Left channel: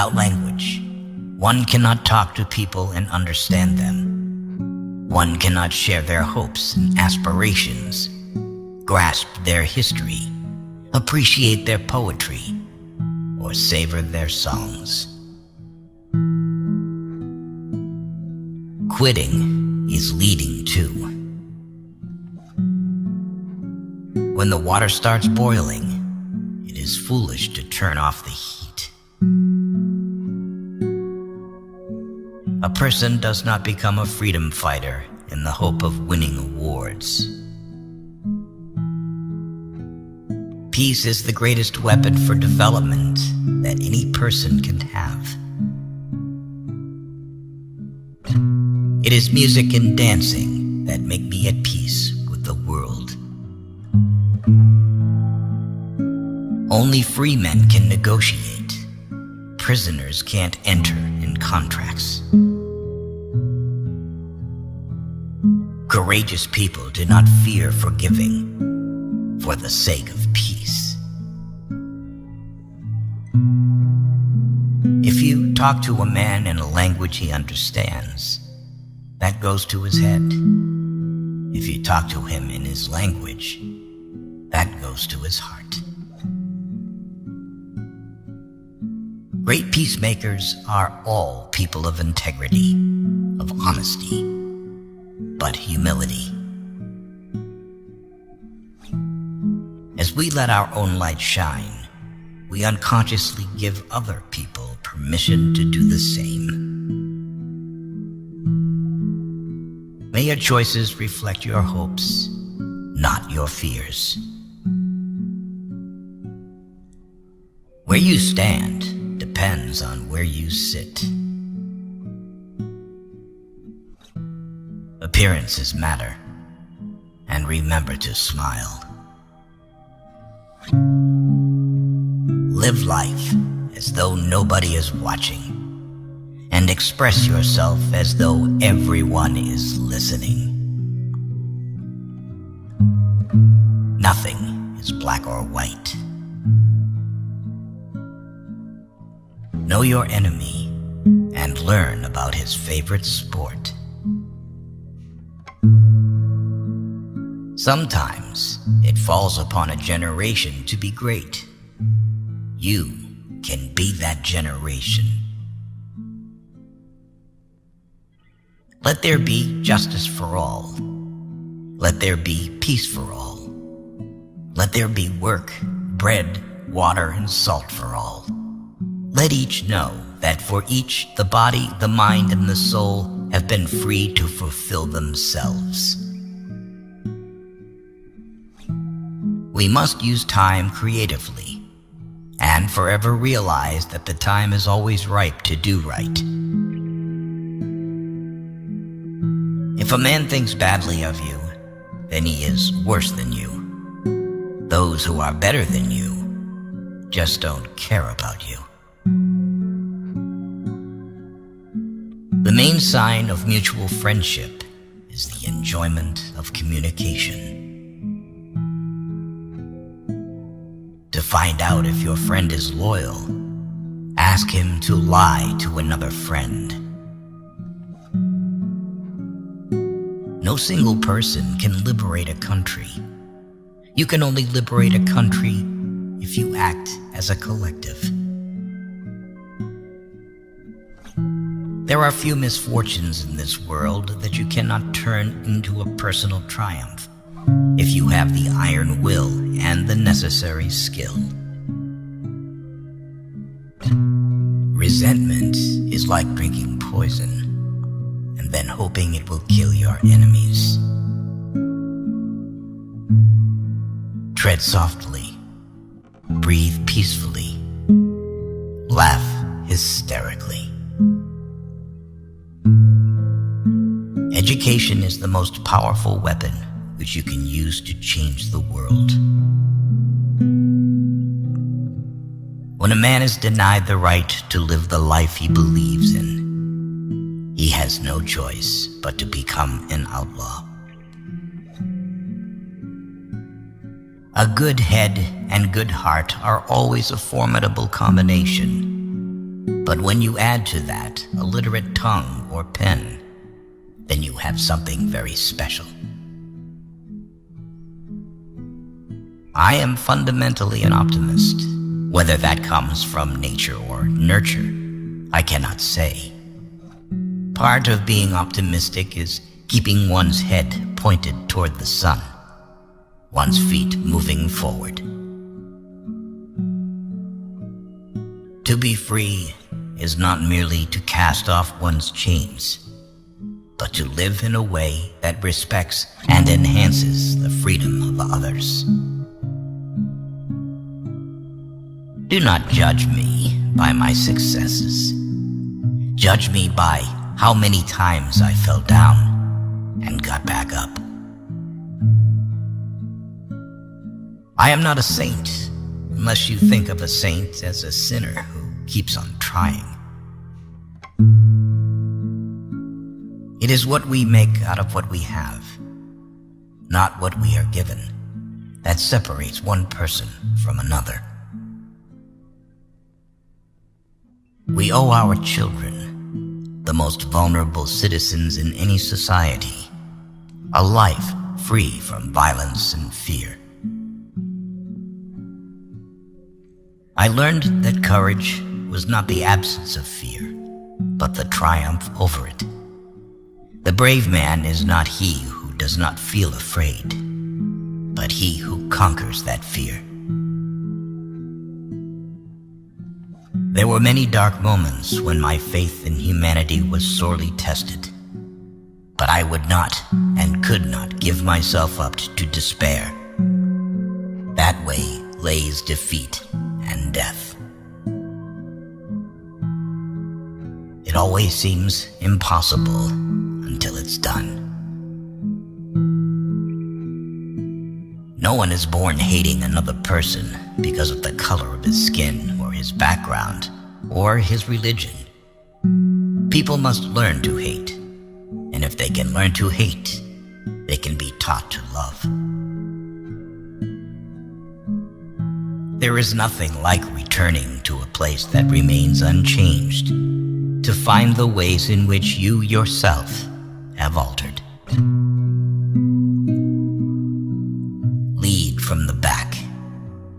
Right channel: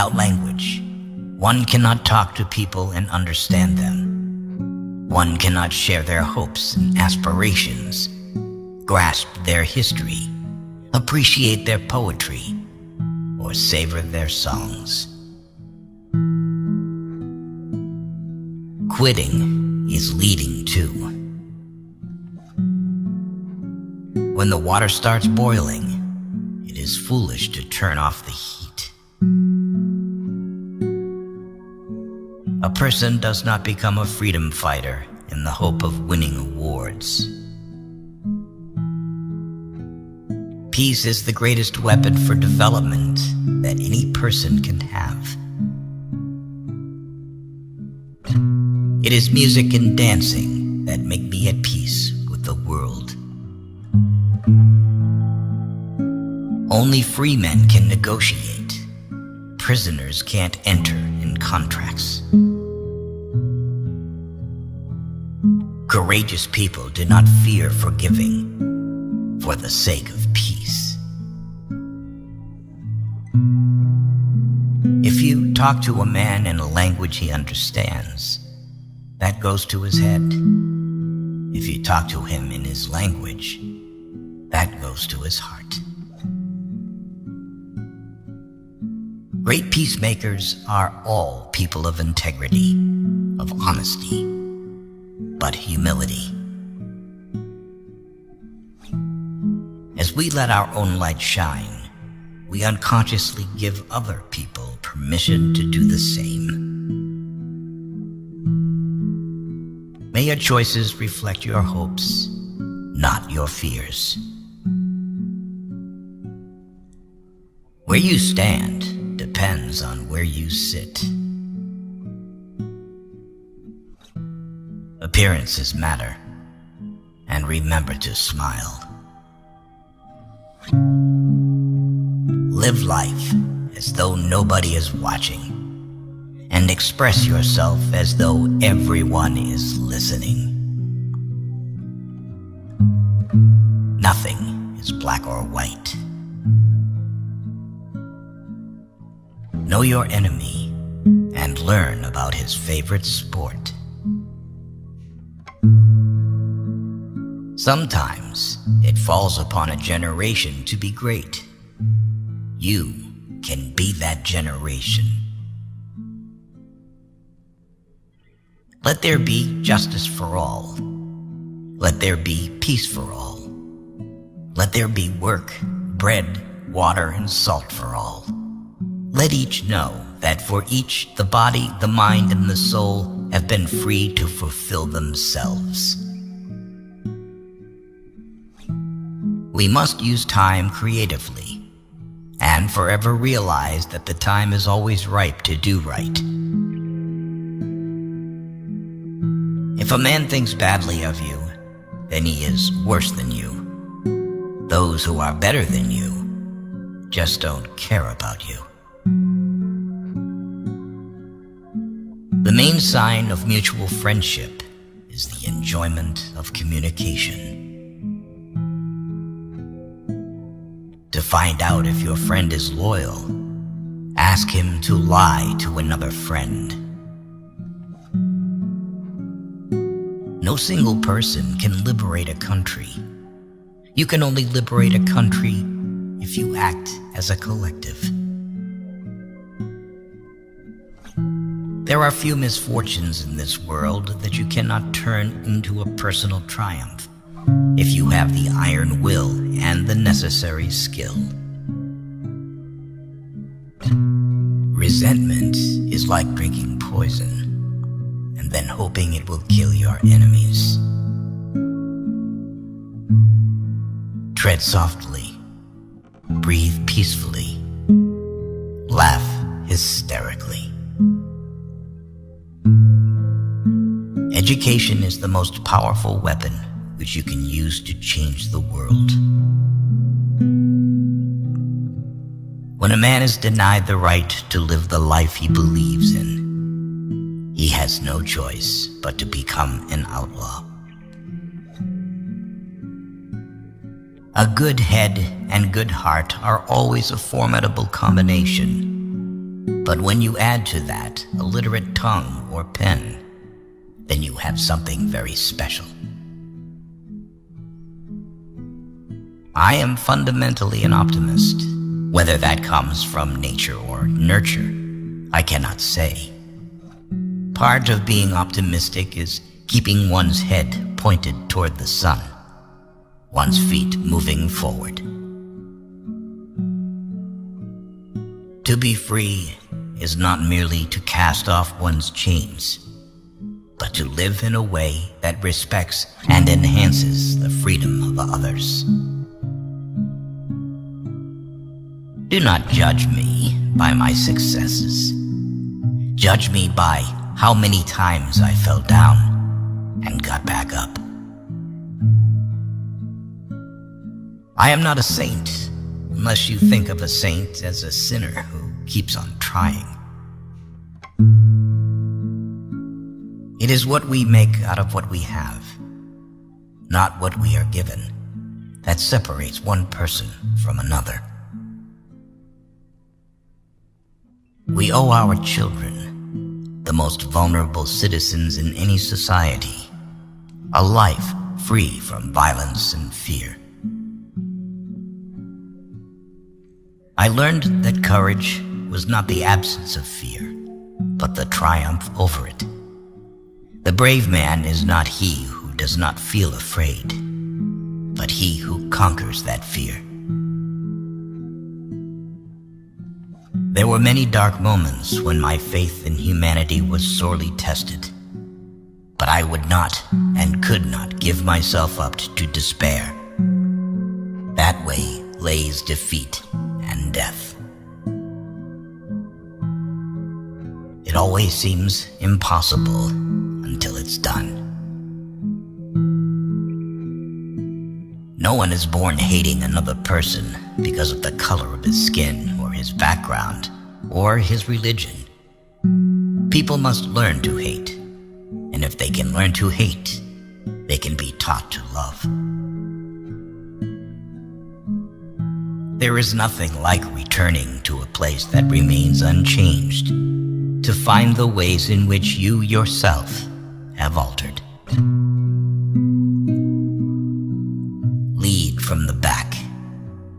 Without language, one cannot talk to people and understand them. One cannot share their hopes and aspirations, grasp their history, appreciate their poetry, or savor their songs. Quitting is leading too. When the water starts boiling, it is foolish to turn off the heat. A person does not become a freedom fighter in the hope of winning awards. Peace is the greatest weapon for development that any person can have. It is music and dancing that make me at peace with the world. Only free men can negotiate. Prisoners can't enter in contracts. Courageous people do not fear forgiving for the sake of peace. If you talk to a man in a language he understands, that goes to his head. If you talk to him in his language, that goes to his heart. Great peacemakers are all people of integrity, of honesty, but humility. As we let our own light shine, we unconsciously give other people permission to do the same. May your choices reflect your hopes, not your fears. Where you stand depends on where you sit. Appearances matter, and remember to smile. Live life as though nobody is watching, and express yourself as though everyone is listening. Nothing is black or white. Know your enemy and learn about his favorite sport. Sometimes it falls upon a generation to be great. You can be that generation. Let there be justice for all. Let there be peace for all. Let there be work, bread, water, and salt for all. Let each know that for each the body, the mind, and the soul have been free to fulfill themselves. We must use time creatively and forever realize that the time is always ripe to do right. If a man thinks badly of you, then he is worse than you. Those who are better than you just don't care about you. The main sign of mutual friendship is the enjoyment of communication. To find out if your friend is loyal, ask him to lie to another friend. No single person can liberate a country. You can only liberate a country if you act as a collective. There are few misfortunes in this world that you cannot turn into a personal triumph if you have the iron will and the necessary skill. Resentment is like drinking poison and then hoping it will kill your enemies. Tread softly, breathe peacefully, laugh hysterically. Education is the most powerful weapon which you can use to change the world. When a man is denied the right to live the life he believes in, he has no choice but to become an outlaw. A good head and good heart are always a formidable combination. But when you add to that a literate tongue or pen, then you have something very special. I am fundamentally an optimist. Whether that comes from nature or nurture, I cannot say. Part of being optimistic is keeping one's head pointed toward the sun, one's feet moving forward. To be free is not merely to cast off one's chains, but to live in a way that respects and enhances the freedom of others. Do not judge me by my successes. Judge me by how many times I fell down and got back up. I am not a saint, unless you think of a saint as a sinner who keeps on trying. It is what we make out of what we have, not what we are given, that separates one person from another. We owe our children, the most vulnerable citizens in any society, a life free from violence and fear. I learned that courage was not the absence of fear, but the triumph over it. The brave man is not he who does not feel afraid, but he who conquers that fear. There were many dark moments when my faith in humanity was sorely tested, but I would not and could not give myself up to despair. That way lays defeat and death. It always seems impossible until it's done. No one is born hating another person because of the color of his skin or his background or his religion. People must learn to hate, and if they can learn to hate, they can be taught to love. There is nothing like returning to a place that remains unchanged, to find the ways in which you yourself have altered. Lead from the back,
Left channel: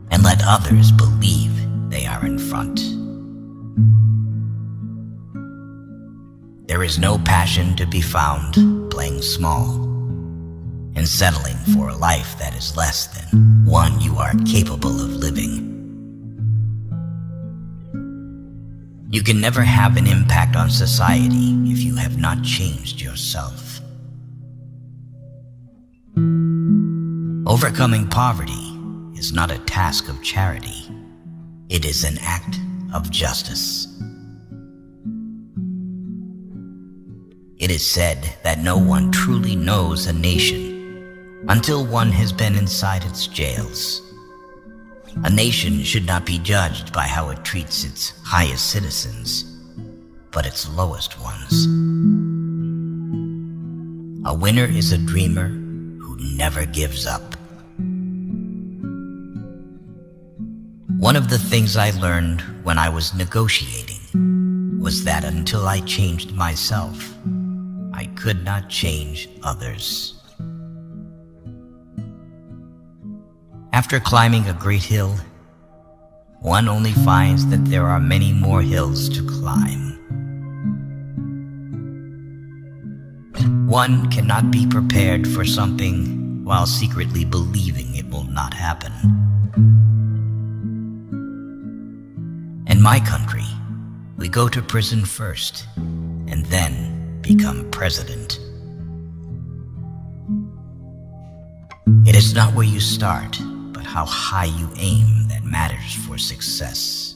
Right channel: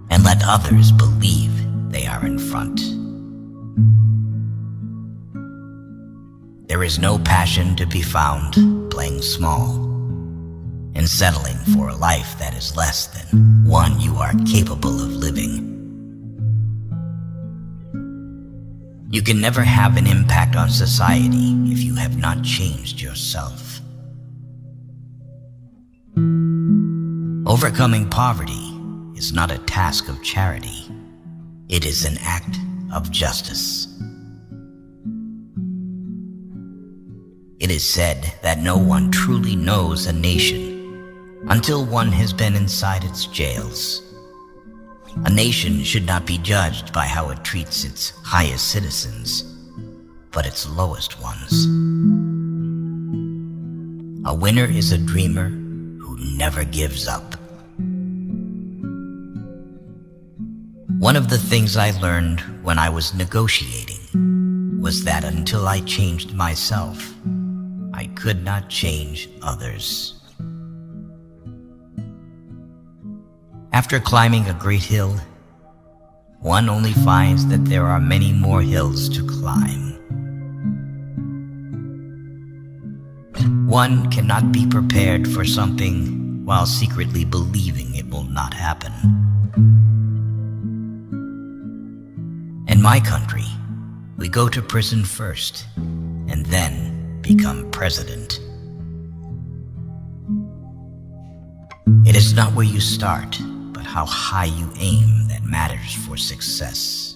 and let others believe they are in front. There is no passion to be found playing small and settling for a life that is less than one you are capable of living. You can never have an impact on society if you have not changed yourself. Overcoming poverty is not a task of charity. It is an act of justice. It is said that no one truly knows a nation until one has been inside its jails. A nation should not be judged by how it treats its highest citizens, but its lowest ones. A winner is a dreamer who never gives up. One of the things I learned when I was negotiating was that until I changed myself, I could not change others. After climbing a great hill, one only finds that there are many more hills to climb. One cannot be prepared for something while secretly believing it will not happen. In my country, we go to prison first and then become president. It is not where you start, but how high you aim that matters for success.